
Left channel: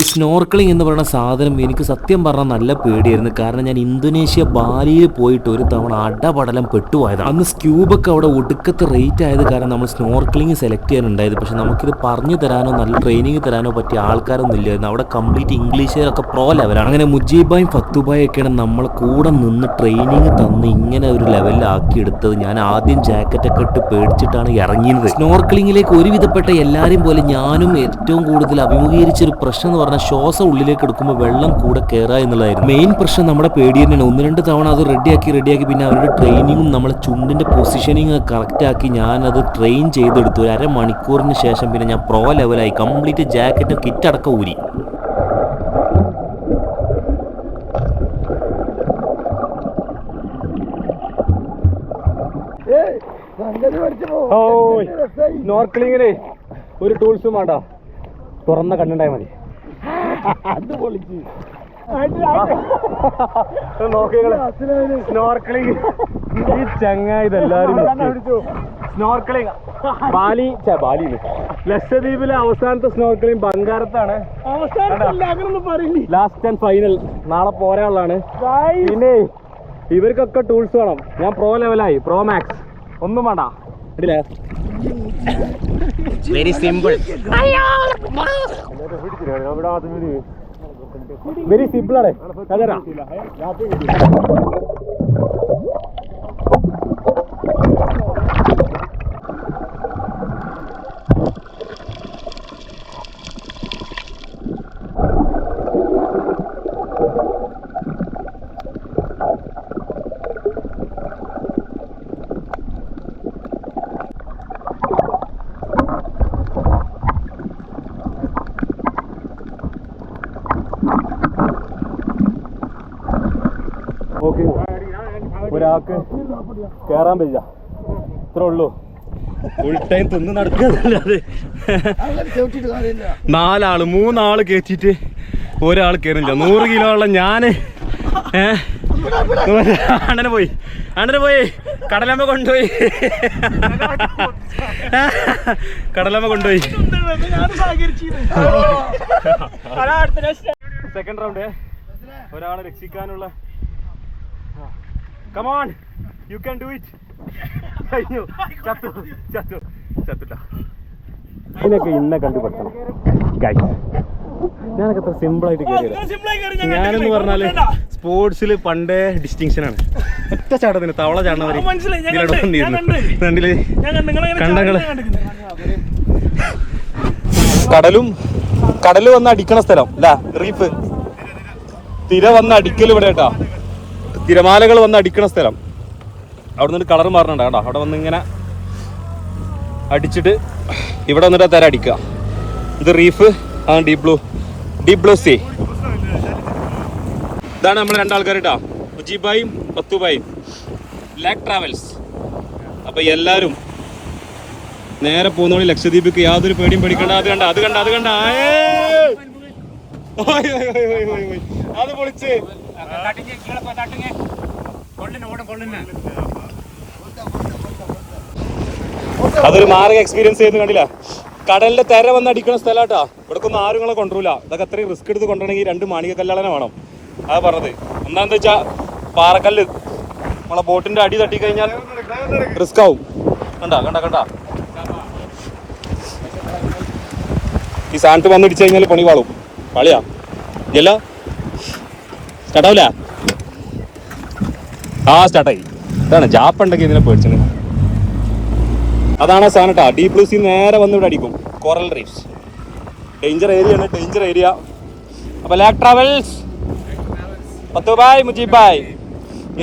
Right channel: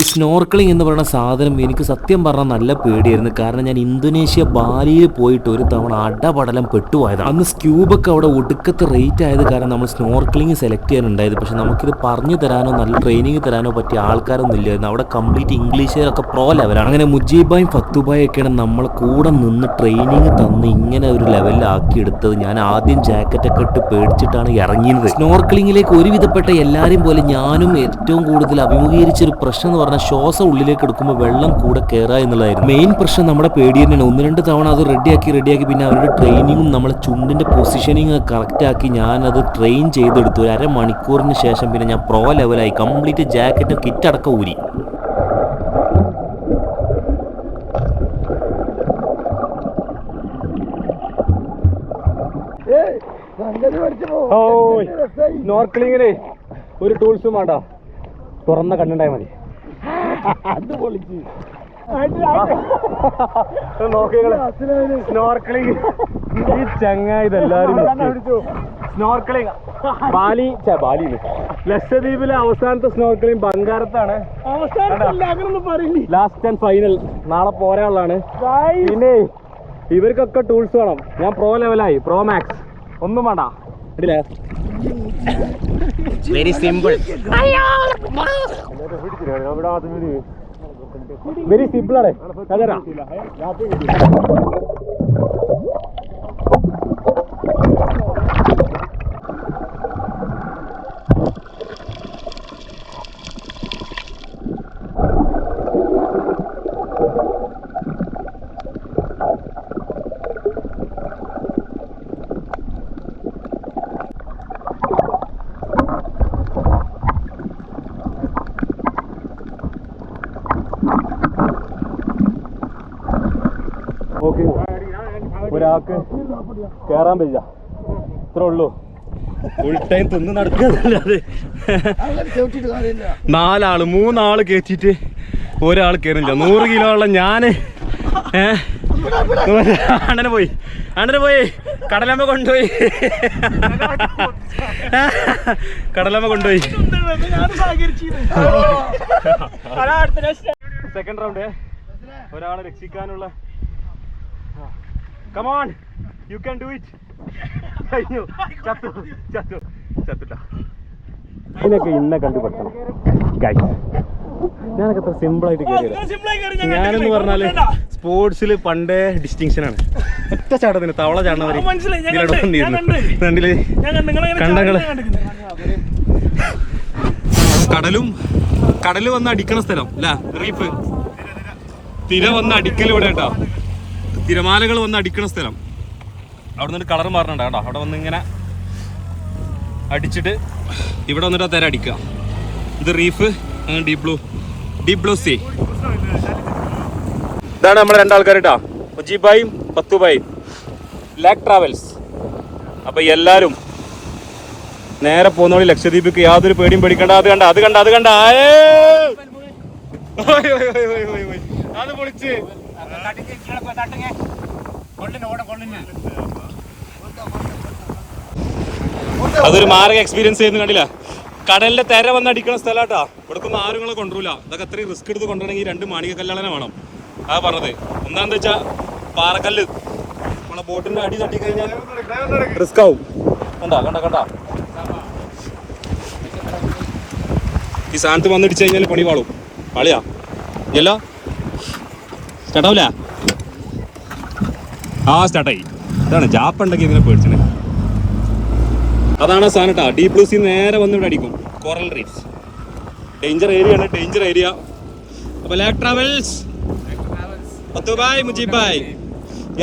E: ഈ സ്നോർക്കിളിംഗ് എന്ന് പറയുന്ന സാധനം എനിക്ക് സത്യം പറഞ്ഞാൽ നല്ല പേടിയായിരുന്നു. കാരണം ഞാൻ ഇന്തോനേഷ്യ ബാലിയിൽ പോയിട്ട് ഒരു തവണ അടപടലം പെട്ടുപോയതാണ് അന്ന് സ്ക്യൂബൊക്കെ അവിടെ ഒടുക്കത്തെ റേറ്റ് ആയത് കാരണം നമ്മൾ സ്നോർക്കിളിംഗ് സെലക്ട് ചെയ്യാനുണ്ടായത്. പക്ഷെ നമുക്കിത് പറഞ്ഞു തരാനോ നല്ല ട്രെയിനിങ് തരാനോ പറ്റിയ ആൾക്കാരൊന്നും ഇല്ലായിരുന്നു. അവിടെ കംപ്ലീറ്റ് ഇംഗ്ലീഷുകാരൊക്കെ പ്രോ ലെവലാണ് അങ്ങനെ മുജീബായും ഫത്തുബായും ഒക്കെയാണ് നമ്മളെ കൂടെ നിന്ന് ട്രെയിനിങ് തന്ന് ഇങ്ങനെ ഒരു ലെവലിലാക്കി എടുത്തത്. ഞാൻ ആദ്യം ജാക്കറ്റൊക്കെ ഇട്ട് പേടിച്ചിട്ടാണ് ഇറങ്ങിയത്. സ്നോർക്കിളിംഗിലേക്ക് ഒരുവിധപ്പെട്ട എല്ലാവരും പോലെ ഞാനും ഏറ്റവും കൂടുതൽ അഭിമുഖീകരിച്ച ഒരു പ്രശ്നം എന്ന് പറഞ്ഞാൽ ശ്വാസം ഉള്ളിലേക്ക് എടുക്കുമ്പോൾ വെള്ളം കൂടെ കയറുക എന്നുള്ളതായിരുന്നു. മെയിൻ പ്രശ്നം നമ്മുടെ പേടി തന്നെയാണ് ഒന്ന് രണ്ട് തവണ അത് റെഡിയാക്കി റെഡിയാക്കി പിന്നെ അവരുടെ ട്രെയിനിങ്ങും നമ്മളെ ചുണ്ടിന്റെ പൊസിഷനിങ് കറക്റ്റ് ആക്കി ഞാൻ അത് ട്രെയിൻ ചെയ്തെടുത്തു. ഒരു അരമണിക്കൂറിന് ശേഷം പിന്നെ ഞാൻ പ്രോ ലെവലായി കംപ്ലീറ്റ് ജാക്കറ്റ് കിറ്റ് അടക്കം ഊരി.
A: സ്നോർക്ലിങ്ങിന് ഒരു ടൂൾസും വേണ്ട. തുറന്ന കണ്ണുണ്ടായാൽ മതി. സ്നോർക്ലിംഗ് ഈ ചങ്ങ ഇതെല്ലാരും സ്നോർക്ലിംഗ് ബാലി ഛെ, ബാലിയിൽ ലക്ഷദ്വീപിലെ അവസാനത്തെ സ്നോർക്ലിംഗ് ബംഗാരത്താണ്. ലാസ്റ്റ് ആൻഡ് ഫൈനൽ നാളെ പോരാനുള്ളതാണ് പിന്നെ ഇവർക്കൊക്കെ ടൂൾസ് വേണം. ഞാൻ പ്രോ ലെവലായി പ്രോ മാക്സ് ഒന്നും വേണ്ട. ഇടില്ലേ വെരി സിമ്പിൾ വെരി സിമ്പിൾ ആണ് അതരാ ഓക്കെ ഒരാൾക്ക് കേറാൻ പറ്റില്ല ഇത്രേ ഉള്ളൂ ഫുൾ ടൈം തിന്ന് നടക്കുന്നല്ലാതെ നാലാൾ മൂന്നാൾ കയറ്റിട്ട് ഒരാൾ കയറില്ല. നൂറ് കിലോ ഉള്ള ഞാൻ അണ്ണന് പോയി. അണ്ണനെ പോയി. കടലമ്മ കൊണ്ടുപോയി. കടലമ്മ കൊണ്ടുപോയി. സെക്കൻഡ് റൗണ്ട് ഒരാളെ രക്ഷിക്കാനുള്ള come on you can do it കഴിഞ്ഞു. ചത്തു. ചത്തു. ചത്തുട്ട. ഇതിനൊക്കെ ഇന്നെ കണ്ടുപിടിക്കണം Guys, ഞാനൊക്കെ അത്ര സിമ്പിൾ ആയിട്ട് കയറിയത് ഞാനെന്ന് പറഞ്ഞാൽ സ്പോർട്സിൽ പണ്ടേ ഡിസ്റ്റിങ്ഷൻ ആണ്. ഒറ്റ ചാട്ടത്തിന് തവള ചാടുന്നവരെ
C: മനസ്സിലായി, ഞാൻ
A: ഇതിലൂടെ വന്നിരുന്നു. കണ്ടങ്ങൾ. കടലും കടൽ വന്ന് അടിക്കണ സ്ഥലം അല്ല റീഫ് തിര വന്ന് അടിക്കൽ ഇവിടെ കേട്ടാ. തിരമാലകൾ വന്ന് അടിക്കണ സ്ഥലം. അവിടെ നിന്ന് കളർ മാറണുണ്ടോ അവിടെ വന്ന് ഇങ്ങനെ അടിച്ചിട്ട് ഇവിടെ വന്നിട്ട് തര അടിക്കുക. ഇത് റീഫ് ആ deep blue deep blue sea ഇതാണ് നമ്മുടെ രണ്ടാൾക്കാർ കേട്ടോ മുജീബായും പത്തുബായും. ലാക് ട്രാവൽസ് അപ്പൊ എല്ലാരും നേരെ പോകുന്നോളി ലക്ഷദ്വീപിക്ക് യാതൊരു പേടിയും പേടിക്കണ്ട. അത് കണ്ട അത് കണ്ട അത് കണ്ട. അത് പൊളിച്ച് ഓയ്, ഓയ്. അത് പൊളിച്ച് അതൊരു മാരക എക്സ്പീരിയൻസ് ചെയ്യുന്ന കണ്ടില്ല. കടലിന്റെ തെര വന്ന് അടിക്കുന്ന സ്ഥലാട്ടാ. ഇവിടെ ഒന്നും ആരും നിങ്ങളെ കൊണ്ടുവരില്ല ഇതൊക്കെ അത്രയും റിസ്ക് എടുത്ത് കൊണ്ടുവരണമെങ്കിൽ രണ്ട് മാണിക കല്യാണം വേണം. അതാ പറഞ്ഞത്. എന്താണെന്ന് വെച്ചാ പാറക്കല്ല് നമ്മളെ ബോട്ടിന്റെ അടി തട്ടി കഴിഞ്ഞാൽ റിസ്ക് ആവും. കണ്ട കണ്ട കണ്ട. ഈ സ്ഥാനത്ത് വന്നിടിച്ചു കഴിഞ്ഞാൽ പണി വാളും പാളിയാ. ഇല്ലല്ലോ? സ്റ്റാർട്ടാവില്ല ആ സ്റ്റാർട്ടായി ഇതാണ് ജാപ്പുണ്ടെങ്കിൽ ഇതിനെ പേടിച്ചത് അതാണ് ആ സാധനം കേട്ടോ ഡീപ് നേരെ വന്ന് ഇവിടെ അടിക്കും. കോറൽ റീഫ്സ് ഡേഞ്ചർ ഏരിയ ആണ് ഡേഞ്ചർ ഏരിയ അപ്പൊ ലാക് ട്രാവൽസ് പത്തുബായ് ബായ് മുജീബ് ബായ്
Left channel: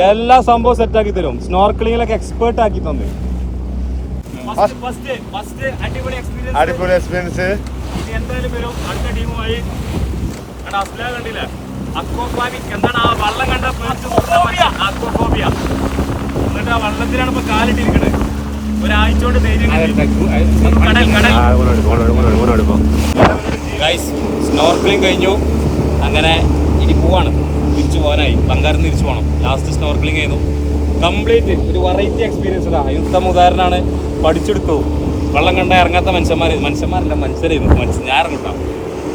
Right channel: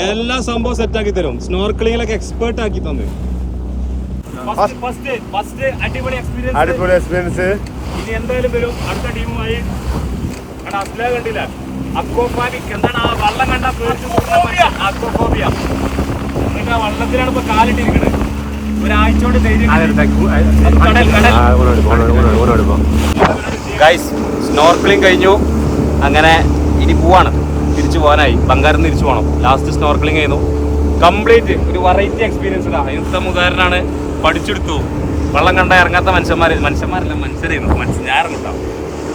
A: എല്ലാ സംഭവം സെറ്റ് ആക്കി തരും. സ്നോർക്കിളിങ്ങിലൊക്കെ എക്സ്പേർട്ട് ആക്കി തന്നു. അടിപൊളി എക്സ്പീരിയൻസ്
B: അടിപൊളി എക്സ്പീരിയൻസ്
A: ഇനി എന്തായാലും വരും. അടുത്ത ടീമുമായി അസ്ലാ കണ്ടില്ല. അക്വോപാനിക് എന്താണ് ആ വള്ളം കണ്ട പേടിച്ചു അക്വോഫോബിയ എന്നിട്ട് ആ വള്ളത്തിലാണ് ഇപ്പൊ കാലിട്ടിരിക്കണത്. കൊണ്ട് കടൽ കടൽ. ഗൈസ് സ്നോർക്കിളിംഗ് കഴിഞ്ഞു. അങ്ങനെ ഇനി പോവാണ്. തിരിച്ചു പോകാനായി. ബംഗാരം തിരിച്ചു പോകണം ലാസ്റ്റ് സ്നോർക്കിളിങ് ചെയ്യുന്നു കംപ്ലീറ്റ് ഒരു വെറൈറ്റി എക്സ്പീരിയൻസ് ഇതാ. യുദ്ധം ഉദാഹരണമാണ്. പഠിച്ചെടുത്തു. വെള്ളം കണ്ട ഇറങ്ങാത്ത മനുഷ്യന്മാർ മനുഷ്യന്മാരല്ല മനുഷ്യരായിരുന്നു. മനുഷ്യ ഞാൻ ഇറങ്ങുന്ന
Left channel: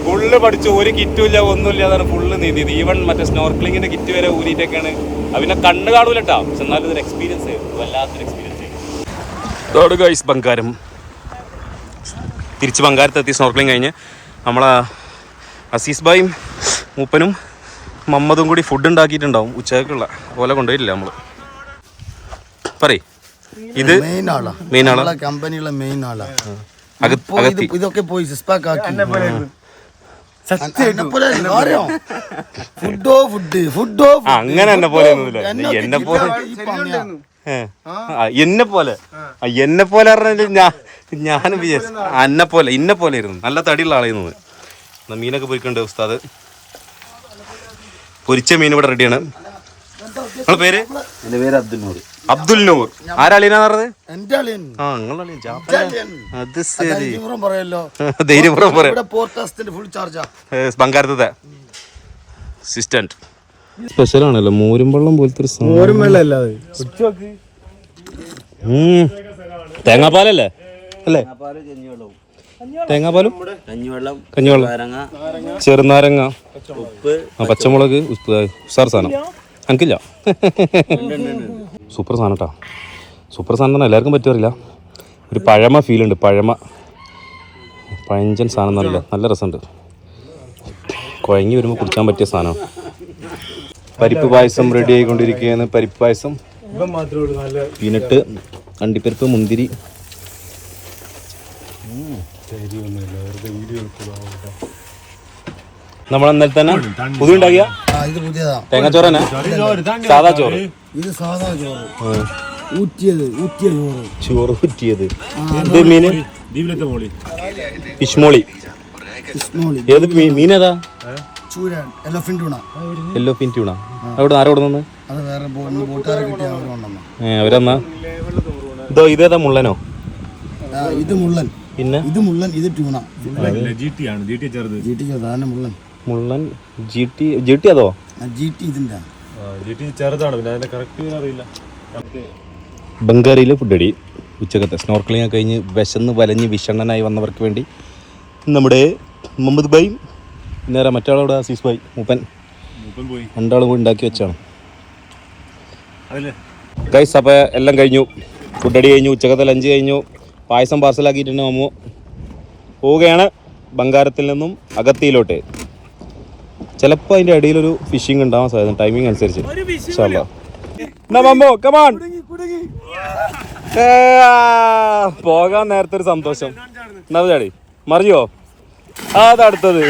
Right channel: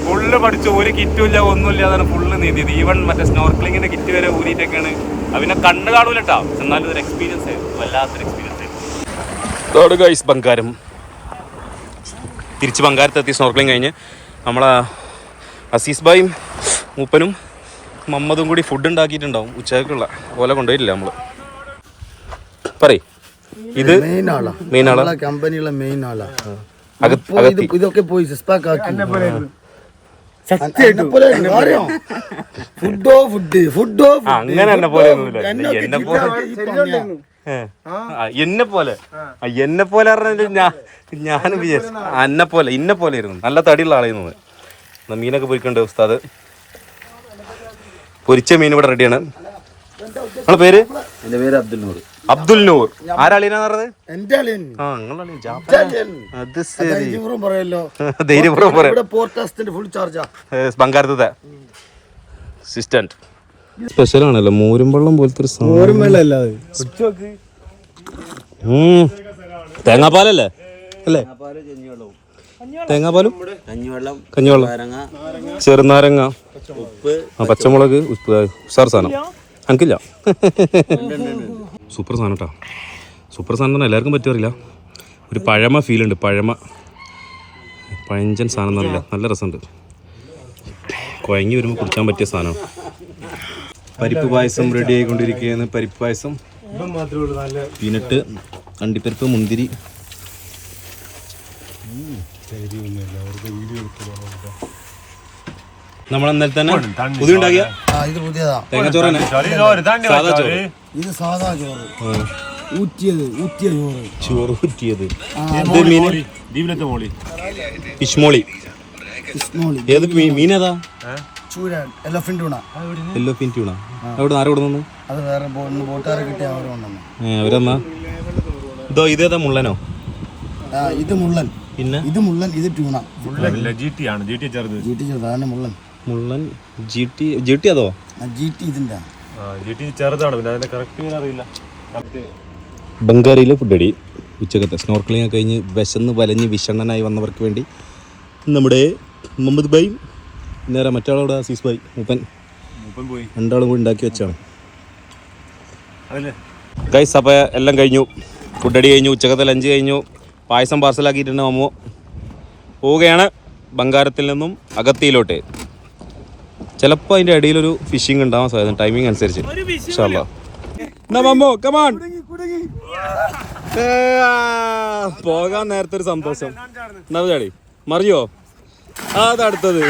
A: ഫുള്ള് പഠിച്ചു. ഒരു കിറ്റും ഇല്ല ഒന്നുമില്ല. അതാണ് ഫുള്ള് നീന്തിയത് ഈവൺ മറ്റേ സ്നോർക്കിളിങ്ങിന്റെ കിറ്റ് വരെ ഊരിയിട്ടൊക്കെയാണ്. അതിനെ കണ്ടു കാണൂലട്ടോ എന്നാലും ഒരു എക്സ്പീരിയൻസ് ആയിരുന്നു. വല്ലാത്തൊരു എക്സ്പീരിയൻസ് ആയിരുന്നു ഗൈസ് ബംഗാരം തിരിച്ച് ബംഗാരത്തെത്തി സ്നോർക്കലിംഗ് കഴിഞ്ഞ് നമ്മളെ അസീസ് ബായും മൂപ്പനും മമ്മതും കൂടി ഫുഡ് ഉണ്ടാക്കിയിട്ടുണ്ടാവും. ഉച്ചക്കുള്ള പോലെ കൊണ്ടുവരില്ല നമ്മൾ. പറയ്. ഇത്
B: മെയിൻ ആളാ. കമ്പനിയുള്ള മെയിൻ ആളാ. ഇതൊക്കെ പോയി സിസ്പാക്ക് ആക്കി. എന്നെ പോലെ ഫുഡോ ഫുഡ് ഫുഡോ
A: അങ്ങനെ എന്നെ പോലെ എന്നെ പോലെ എന്നെ പോലെ. ആ, എന്നെ പോലെ ഞാൻ ഞാനും വിചാരിച്ചു എന്നെ പോലെ ഇന്നെ പോലെ ഇരുന്നു നല്ല തടിയുള്ള ആളായിരുന്നു എന്നാ മീനൊക്കെ പൊരിക്കണ്ടേ ഉസ്താദ്. പൊരിച്ച മീൻ ഇവിടെ റെഡിയാണ് നിങ്ങളെ പേര്?
B: എന്റെ പേര് അബ്ദുൽ നൂർ
A: അബ്ദുൽ നൂർ. ആരാളിനാന്ന് പറഞ്ഞത്?
B: എന്റെ അളിയൻ.
A: ആ അത് ശരി.
B: ധൈര്യപൂർവം പറയല്ലോ.
A: ധൈര്യപൂർവം പറയാം.
B: ഇവിടെ പോർട്ടാസ്റ്റിന്റെ ഫുൾ ചാർജാ
A: ബംഗാരത്തെ അസിസ്റ്റന്റ് സ്പെഷ്യൽ ആണല്ലോ. മോരും വെള്ളം പോലത്തെ ഒരു ഉം. തേങ്ങാപ്പാലല്ലേ? അല്ലേ? തേങ്ങാപ്പാലും
D: കഞ്ഞിവെള്ളം
A: കഞ്ഞിവെള്ളം.
D: നാരങ്ങ
A: ചെറുനാരങ്ങ.
D: ഉപ്പ്.
A: പച്ചമുളക് ഉപ്പ് ഉസാർ സാധനം. എനിക്കില്ല സൂപ്പർ സാധനം കേട്ടോ സൂപ്പർ സാധനം തന്നെ എല്ലാവർക്കും പറ്റുമറിയില്ല ഒരു പഴമ ഫീൽ ഉണ്ട് പഴമ. പഴഞ്ചൻ സാധനം നല്ല നല്ല രസമുണ്ട്. കുഴങ്ങി വരുമ്പോൾ കുടിക്കാൻ പറ്റിയ സാധനം. പരിപ്പ് പായസം റെഡി ആയിക്കൊണ്ടിരിക്കുകയാണ്. പരിപ്പ് പായസം പീനട്ട് അണ്ടിപ്പരിപ്പ് മുന്തിരി. നമ്മൾ ഇന്നലെ തന്നെ പുതിയ ഉണ്ടാക്കിയ?
B: ആ ഇത് പുതിയതാ.
A: തേങ്ങാച്ചോറ് തന്നെ സാധാ ചോറ്.
B: ഇത് സാധാ ചോറ്. ഊറ്റിയത് ഊറ്റിയ ചോറ്.
A: ചോറ് കുറ്റിയത് ഇത് മീന്? ഫിഷ്മോളി. ഏത്
B: മീൻ
A: യെല്ലോ ഫിൻ ട്യൂണ അവിടെ ആരോട് നിന്ന്
B: അത് വേറെ ബോ- ഇന്ന് ബോട്ടുകാരെ കിട്ടിയ അവർ കൊണ്ടുവന്നു.
A: ഏ അവരെന്നാ? ഇതോ ഇതേതാ മുള്ളനോ?
B: ആ, ഇത് മുള്ളൻ.
A: പിന്നെ?
B: ഇത് മുള്ളൻ ഇത് ട്യൂണ.
F: ജി ടി ആണ് ജി ടി ചെറുത്.
B: ജി ടി ചെറുതാണ് മുള്ളൻ.
A: മുള്ളൻ ജി ടി ജി ടി അതോ?
B: ജി ടി ഇതിന്റെ
F: ജി ടി ചെറുതാണ് പിന്നെ അതിന്റെ കറക്റ്റ് അറിയില്ല.
A: ബംഗാരിയിലെ ഫുഡടി ഉച്ചക്കത്തെ സ്നോർക്കലിംഗ് ഒക്കെ കഴിഞ്ഞ് വിശന്ന് വലഞ്ഞ് വിഷണ്ണനായി വന്നവർക്ക് വേണ്ടി നമ്മുടെ മുഹമ്മദ് ഭായി നേരെ മറ്റാളോട് അസീസ് ഭായി മൂപ്പൻ.
F: മൂപ്പൻ പോയി.
A: രണ്ടാളും കൂടി ഉണ്ടാക്കി വെച്ചാണ്. ഗൈസ് അപ്പോൾ എല്ലാം കഴിഞ്ഞു. ഫുഡടി കഴിഞ്ഞു ഉച്ചക്കത്തെ ലഞ്ച് കഴിഞ്ഞു. പായസം പാർസലാക്കിയിട്ടുണ്ട് മമ്മു. പോവുകയാണ് ബംഗാരത്തിൽ നിന്നും അഗത്തിയിലോട്ട്. ചിലപ്പോൾ അതിന്റെ ഇടയിലൊരു ഫിഷിംഗ് ഉണ്ടാവാൻ സാധ്യത ടൈമിംഗ് അനുസരിച്ച്. ഇൻഷാ അല്ലാ. എന്നാ മമ്മു കമാൺ പോകാൻ നേരത്തെ ഒരു സന്തോഷം. എന്നാ ചാടി മറിയോ? അതടുത്തത്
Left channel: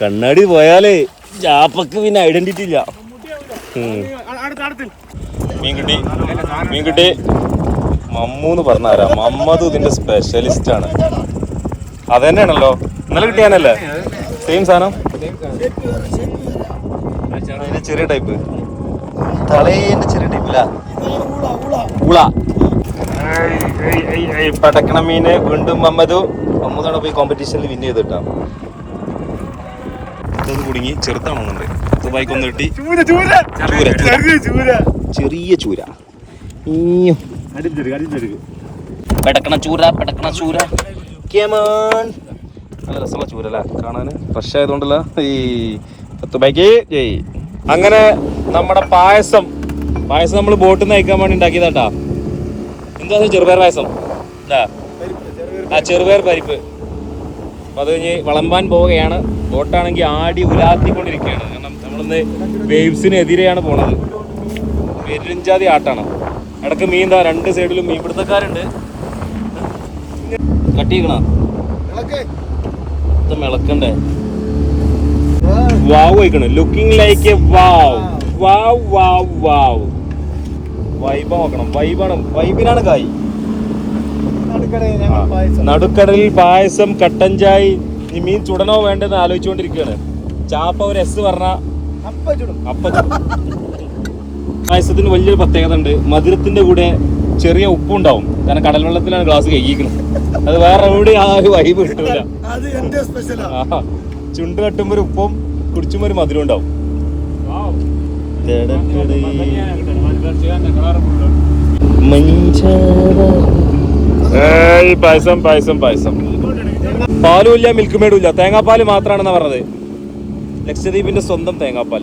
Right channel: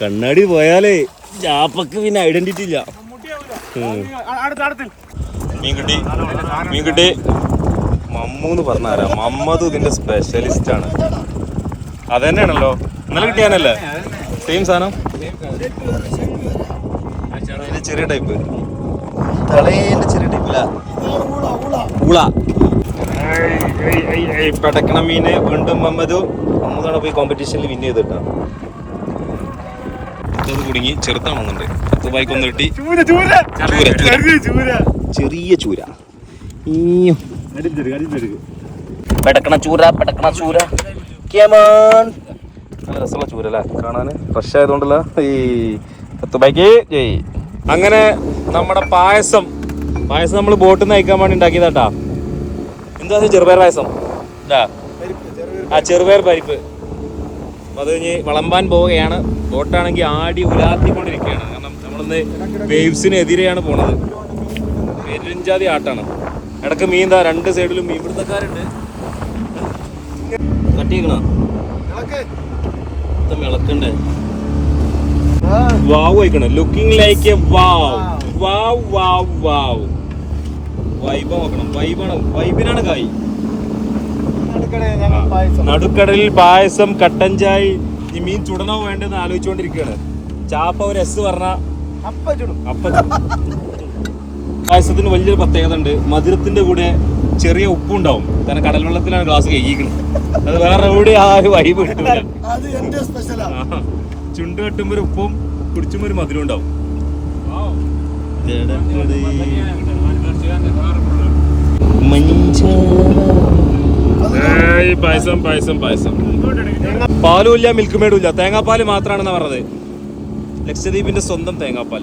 A: കണ്ണാടി പോയാലേ ജാപ്പക്ക് പിന്നെ ഐഡന്റിറ്റി ഇല്ല. മീൻകുട്ടി മീൻകുട്ടി. മീൻ കിട്ടി മമ്മൂന്ന് പറഞ്ഞാരാ? മമ്മദ് ഇതിന്റെ സ്പെഷ്യലിസ്റ്റ് ആണ്. അതന്നെയാണല്ലോ. ഇന്നലെ കിട്ടിയാനല്ലേ സെയിം സാധനം? ചെറിയ ടൈപ്പ് തളേന്റെ ചെറിയ ടൈപ്പ് ഉള പടക്കണ മീനെ വീണ്ടും മമ്മദു മമ്മദോടെ പോയി കോമ്പറ്റീഷനിൽ വിൻ ചെയ്തിട്ടാ. ഇത് കുടുങ്ങി ചെറുത്താണെന്നുണ്ട് ദുബായിക്ക് ഒന്ന് കിട്ടി ചെറിയ ചൂര. പടക്കണ ചൂര പടക്കണ ചൂര. അങ്ങനെ നമ്മുടെ പായസം. പായസം നമ്മൾ ബോട്ടിൽ നിന്ന് അയക്കാൻ വേണ്ടി ഉണ്ടാക്കിയതാട്ടാ. എന്താ ചെറുപയർ പായസം? ആ ചെറുപയർ പരിപ്പ്. അപ്പൊ അത് കഴിഞ്ഞ് വിളമ്പാൻ പോവുകയാണ്. ബോട്ടാണെങ്കിൽ ആടി ഉലാത്തിക്കൊണ്ടിരിക്കുകയാണ്. കാരണം നമ്മളിന്ന് വേവ്സിനെതിരെയാണ് പോണത്. പെരുഞ്ചാതി ആട്ടാണ്. ഇടയ്ക്ക് മീൻ എന്താ രണ്ട് സൈഡിലും മീൻ മിളക്കണ്ടേ? Wow looking like wow wow wow wow vibe നോക്കണം. വൈബാണ് വൈബിനാണ് കായ്. നടുക്കടലിൽ പായസം കട്ടൻ ചായ ഈ മീൻ ചുടണോ വേണ്ടെന്ന് ആലോചിച്ചുകൊണ്ടിരിക്കുകയാണ്. ചാപ്പ ഒരു എസ് പറഞ്ഞ അപ്പ. പായസത്തിന് വലിയൊരു പ്രത്യേകത ഉണ്ട്. മധുരത്തിന്റെ കൂടെ ചെറിയ ഉപ്പുണ്ടാവും. കാരണം കടൽ വെള്ളത്തിലാണ് ഗ്ലാസ് കഴിക്കുന്നത് അത് വേറെ എവിടെ ആ ഒരു വൈബ് കിട്ടില്ല
B: അത് എന്റെ
A: ചുണ്ട് കെട്ടുമ്പോ ഒരു ഉപ്പും കുടിച്ചുമ്പോ ഒരു മധുരം ഉണ്ടാവും. ഏയ് പായസം പായസം പായസം. പാലും ഇല്ല മിൽക്ക് മേടും ഇല്ല. തേങ്ങാപ്പാൽ മാത്രാണെന്നാ പറഞ്ഞത്. ലക്ഷദ്വീപിന്റെ സ്വന്തം തേങ്ങാപ്പാൽ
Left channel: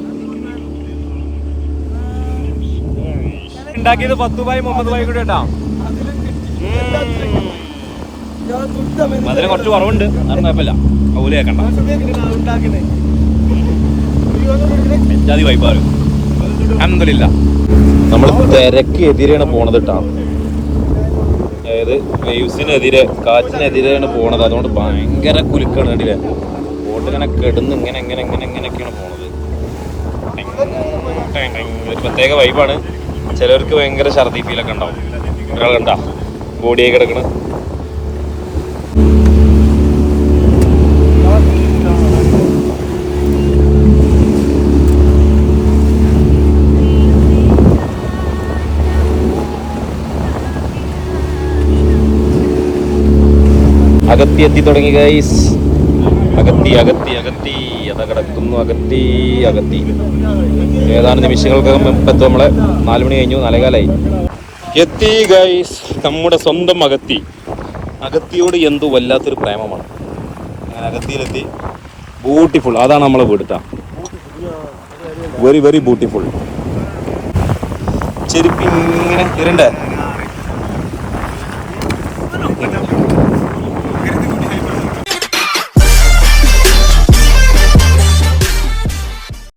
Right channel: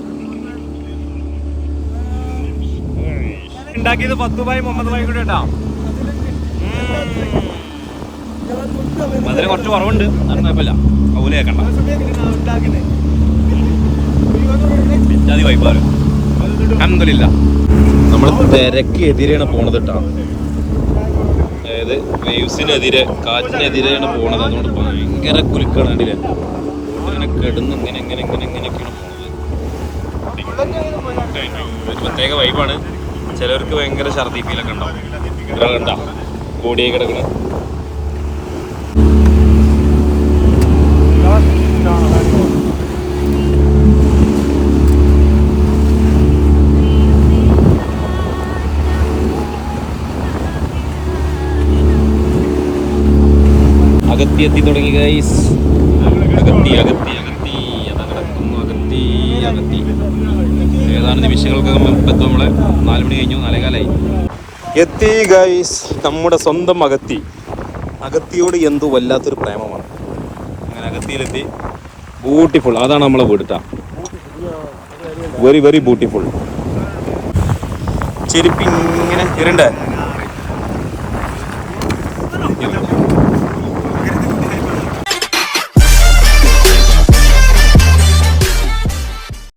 A: ഉണ്ടാക്കിയത് പത്തുബായി മുഹമ്മദ് ബായി കൂടെ കേട്ടാ മധുരം കുറച്ച് കുറവുണ്ട്. എന്നാലും കുഴപ്പമില്ല. ഓല കേക്കണ്ട വൈബാറ് നമ്മൾ തിരക്ക് എതിരെയാണ് പോണത് കേട്ടോ അതായത് വേവ്സിനെതിരെ കാറ്റിനെതിരെയാണ് പോണത്. അതുകൊണ്ട് ഭയങ്കര കുലുക്കാണ് കണ്ടില്ലേ? ബോട്ട് ഇങ്ങനെ കെടുന്ന് ഇങ്ങനെ ഇങ്ങനെ ഇങ്ങനെ ഇങ്ങനെയൊക്കെയാണ് പോണത്. പ്രത്യേക വൈബാണ്. ചിലർക്ക് ഭയങ്കര ഛർദി ഫീലൊക്കെ ഉണ്ടാവും. ഒരാൾ കണ്ട ബോഡിയായി കിടക്കണ. അകത്തി എത്തി തുടങ്ങി ഗൈസ് അകത്തി അകത്തി അകത്തി. അതാ കിടക്കുന്നു അകത്തി അകത്തി. ഏതാനും നിമിഷങ്ങൾക്കകം ഇപ്പം നമ്മളെ നാല് മണി കഴിഞ്ഞു നാലേകാലായി. എത്തി ഗൈസ് നമ്മുടെ സ്വന്തം അകത്തി അകത്തിയോട് എന്തോ വല്ലാത്തൊരു പ്രേമമാണ്. ഞാൻ അകത്തിയിലെത്തി ബ്യൂട്ടിഫുൾ അതാണ് നമ്മളെ വീടിട്ട വെരി വെരി ബ്യൂട്ടിഫുൾ ചെരുപ്പി ഇങ്ങനെ ഇരണ്ടേ.